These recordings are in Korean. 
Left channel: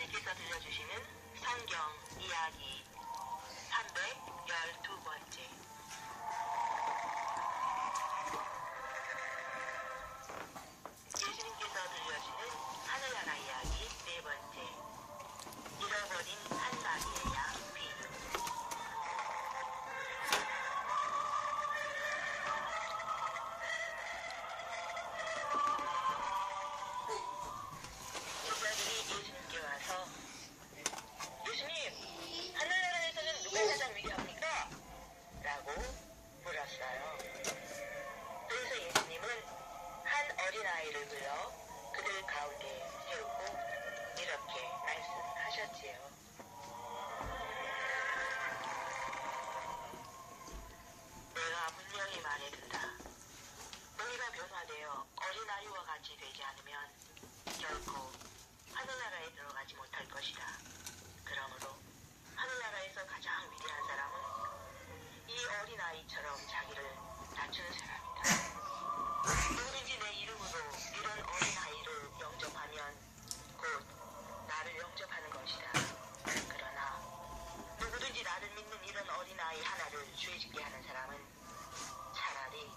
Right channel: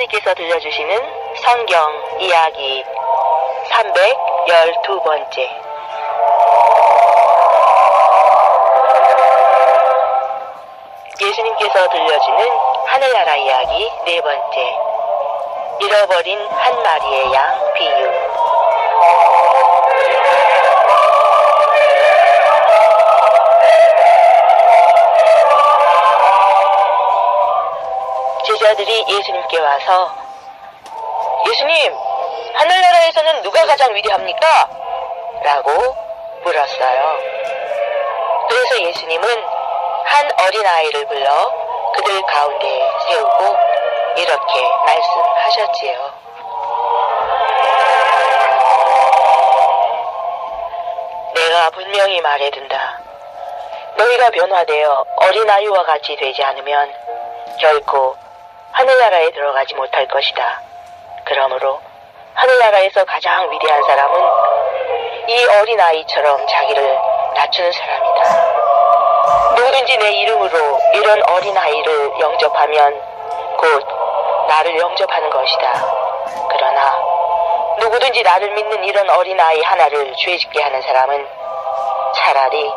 하나님께서 들려주시는 성경 이야기 312번째. 예수님께서 들려주는 하늘나라 이야기 네 번째. 잃어버린 한 마리의 양 비유 제자들이 예수님께 와서 예수님, 하늘나라에서는 누가 가장 위대합니까? 라고 물었어요. 그래서 예수님은 한 어린아이를 불러 그들 가운데 세우고 이렇게 말씀하셨지요. 내가 분명히 말해둔다. 너희가 변화되어 어린아이와 같이 되지 않으면 결코 하늘나라에 들어가지 못할 것이다. 그러므로 하늘나라에서 가장 위대한 사람은 이 어린아이처럼 자기를 낮추는 사람이다. 누구든지 내 이름으로 이런 어린아이를 영접하면 곧 나를 영접하는 것이다. 그러나 누구든지 나를 믿는 이런 어린아이 하나를 죄짓게 하는 사람은 차라리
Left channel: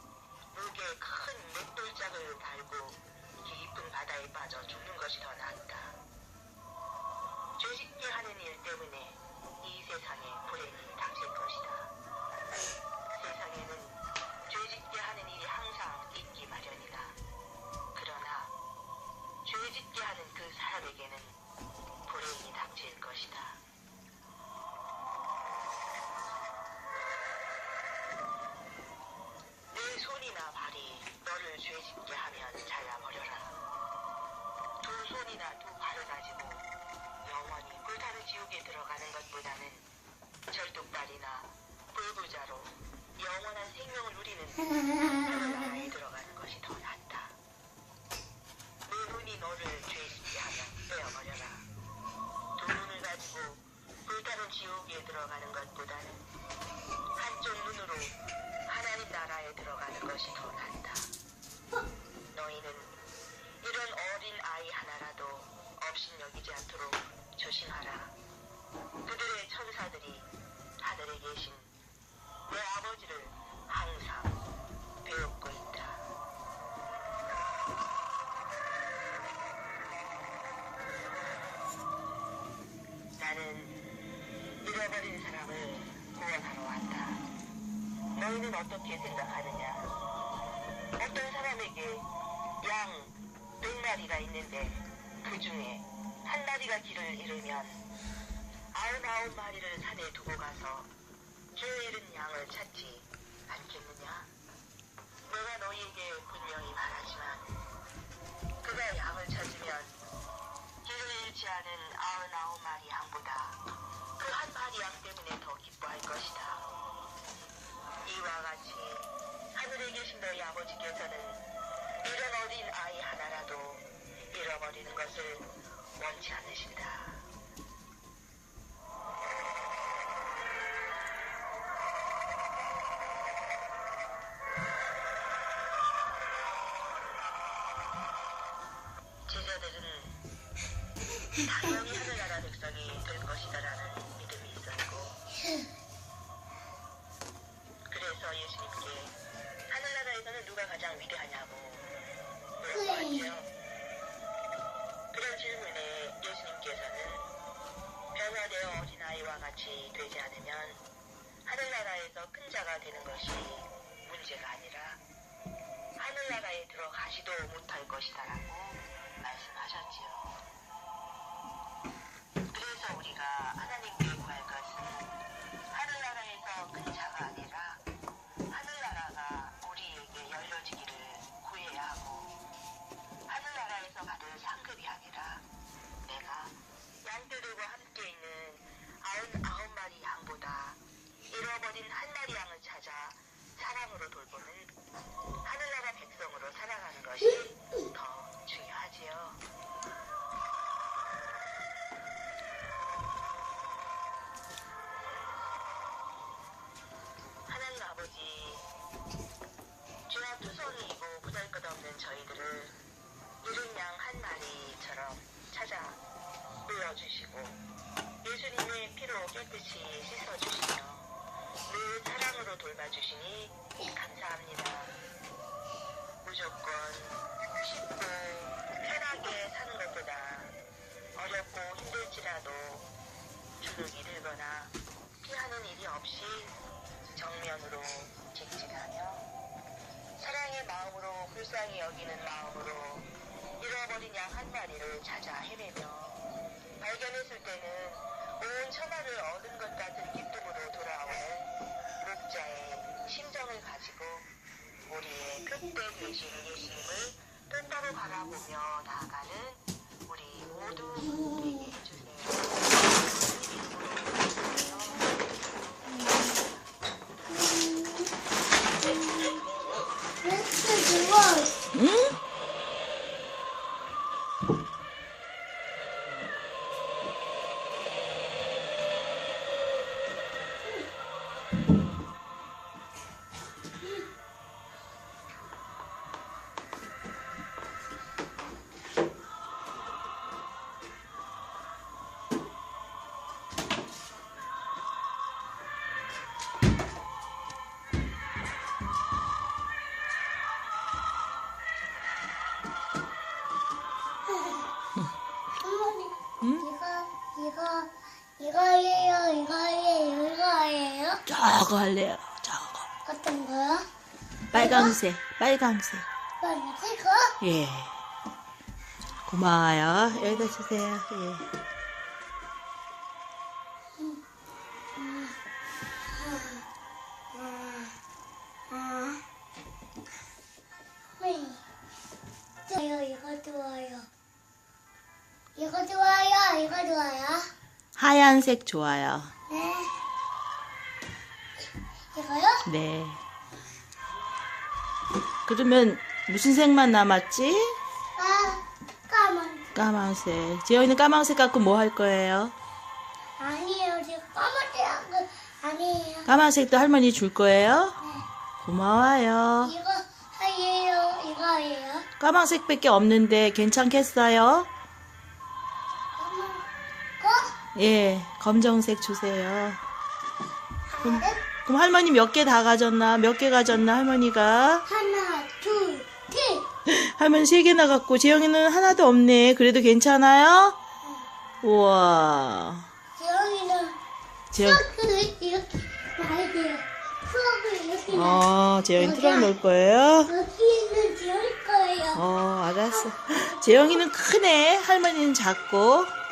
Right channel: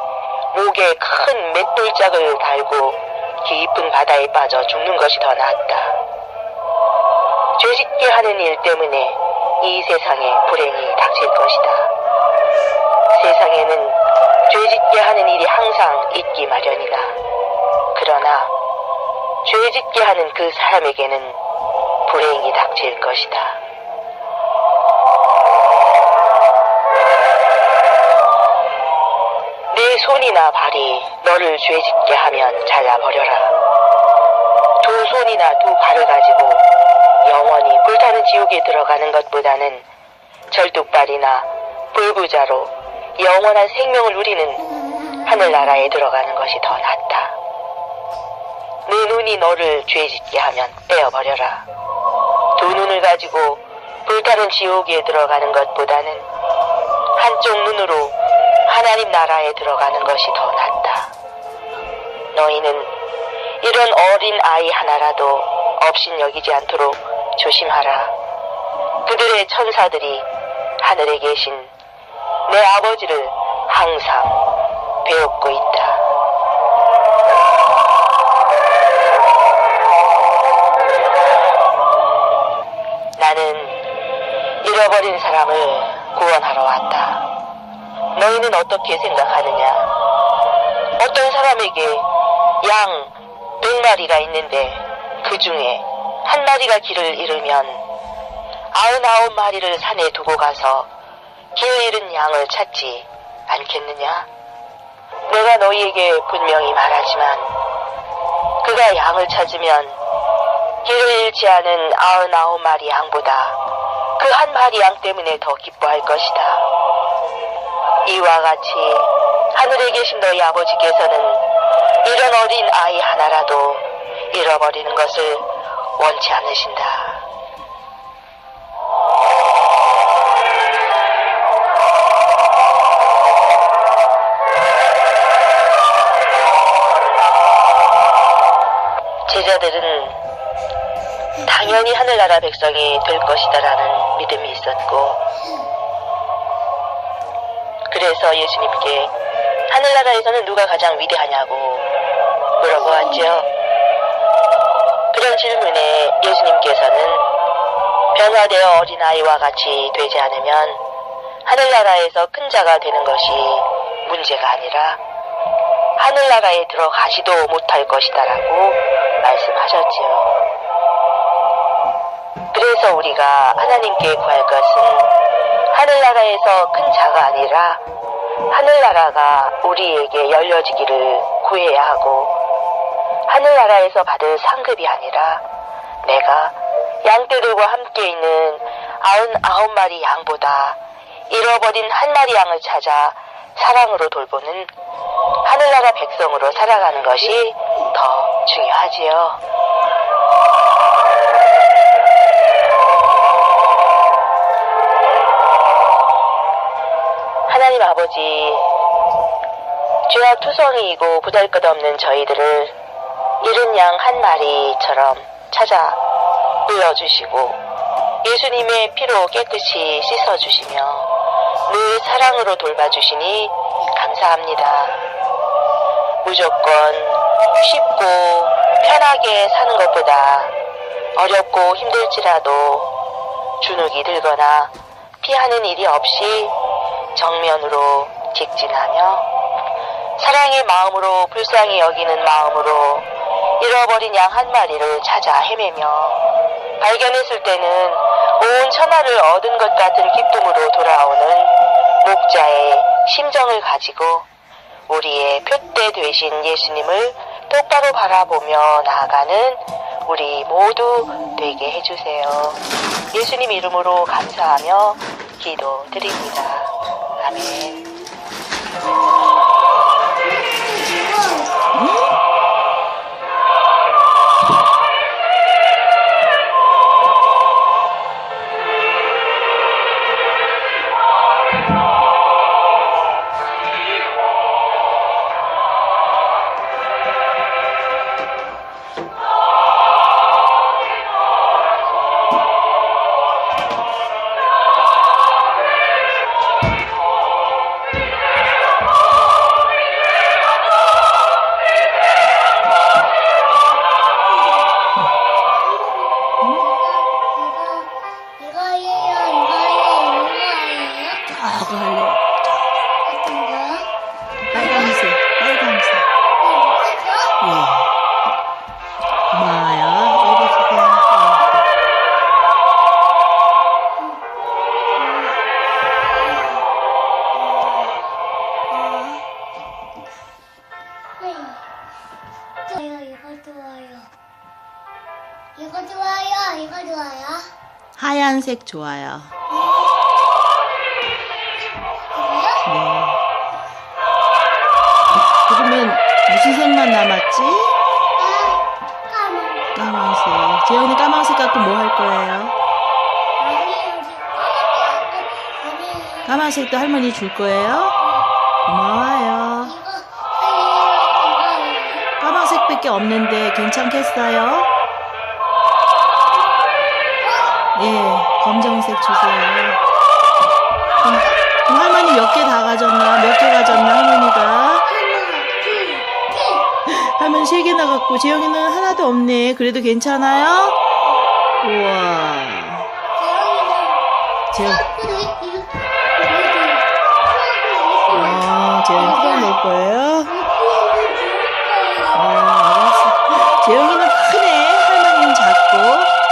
목에 큰 맷돌짝을 달고 깊은 바다에 빠져 죽는 것이 더 낫다. 죄짓게 하는 일 때문에 이 세상에 불행이 닥칠 것이다. 세상에는 죄짓게 하는 일이 항상 있기 마련이다. 그러나 죄짓게 하는 그 사람에게는 불행이 닥칠 것이다. 손이나 발이 너를 죄짓게 하면 잘라버려라. 두 손이나 두 발을 가지고 영원히 불타는 지옥에 들어가는 것보다는 절뚝발이나 불부자로 영원한 생명을 누리는 하늘나라에 들어가는 것이 더 낫다. 내 눈이 너를 죄짓게 하면 떼어버려라. 두 눈을 가지고 불타는 지옥에 들어가는 것보다는 한쪽 눈으로 하나님 나라에 들어가는 것이 더 낫다. 너희는 이런 어린 아이 하나라도 없인 여기지 않도록 조심하라. 그들의 천사들이 하늘에 계신 내 아버지를 항상 배웠고 있다. 나는 잃어버린 사람을 구원하러 왔다. 너희는 어떻게 생각하느냐? 어떤 사람에게 양 100마리가 있는데 그 중에 한 마리가 길을 잃으면 아흔아홉 마리를 산에 두고 가서 길 잃은 양을 찾지 않겠느냐? 내가 너희에게 분명히 말하지만 그가 양을 찾으면 길을 잃지 않은 아흔아홉 마리 양보다 그 한 마리 양 때문에 더 기뻐할 것이다. 이와 같이 하늘에 계신 너희 아버지께서는 이런 어린 아이 하나라도 잃어버리는 것을 원치 않으신다. 제자들은 당연히 하늘나라 백성이 될 것이다라는 믿음이 있었고, 그래서 예수님께 하늘나라에서는 누가 가장 위대하냐고 물어보았죠. 그런 질문에 예수님께서는 변화되어 어린아이와 같이 되지 않으면 하늘나라에서 큰 자가 되는 것이 문제가 아니라 하늘나라에 들어가지도 못할 것이다라고 말씀하셨지요. 그래서 우리가 하나님께 구할 것은 하늘나라에서 큰 자가 아니라 하늘나라가 우리에게 열려지기를 구해야 하고 하늘나라에서 받을 상급이 아니라 내가 양떼들과 함께 있는 아흔 아홉 마리 양보다 잃어버린 한 마리 양을 찾아 사랑으로 돌보는 하늘나라 백성으로 살아가는 것이 더 중요하지요. 하나님 아버지, 죄악 투성이이고 보잘것없는 저희들을 잃은 양한 마리처럼 찾아 흘러주시고 예수님의 피로 깨끗이 씻어주시며 늘 사랑으로 돌봐주시니 감사합니다. 무조건 쉽고 편하게 사는 것보다 어렵고 힘들지라도 주눅이 들거나 피하는 일이 없이 정면으로 직진하며 사랑의 마음으로 불쌍히 여기는 마음으로 잃어버린 양 한 마리를 찾아 헤매며 발견했을 때는 온 천하를 얻은 것 같은 기쁨으로 돌아오는 목자의 심정을 가지고 우리의 표대 되신 예수님을 똑바로 바라보며 나아가는 우리 모두 되게 해주세요. 예수님 이름으로 감사하며 기도드립니다. Mommy. Oh. 예. 고마워요. 여기 주세요. 예. 좋아요, 이거 좋아요. 이거 좋아요, 이거 좋아요. 하얀색 좋아요. 이거요? 네. 그러면 무슨 색만 남았지? 아, 까만. 까만색. 재현이 까만색 갖고 뭐 할 거예요? 아니에요. 까만색도 할머니 줄 거예요? 고마워요. 까만색밖에 없는데 괜찮겠어요? 예, 검정색 주세요. 그럼, 그럼 할머니 몇 개 다 가졌나? 몇 개 가졌나, 할머니가? 할머니 세 개나 갖고, 재영이는 하나도 없네. 그래도 괜찮아요? 우와. 재영, 어. 어, 재영이 트럭 넣을 거예요? 어, 알았어. 재영이는 크네. 할머니는 작고.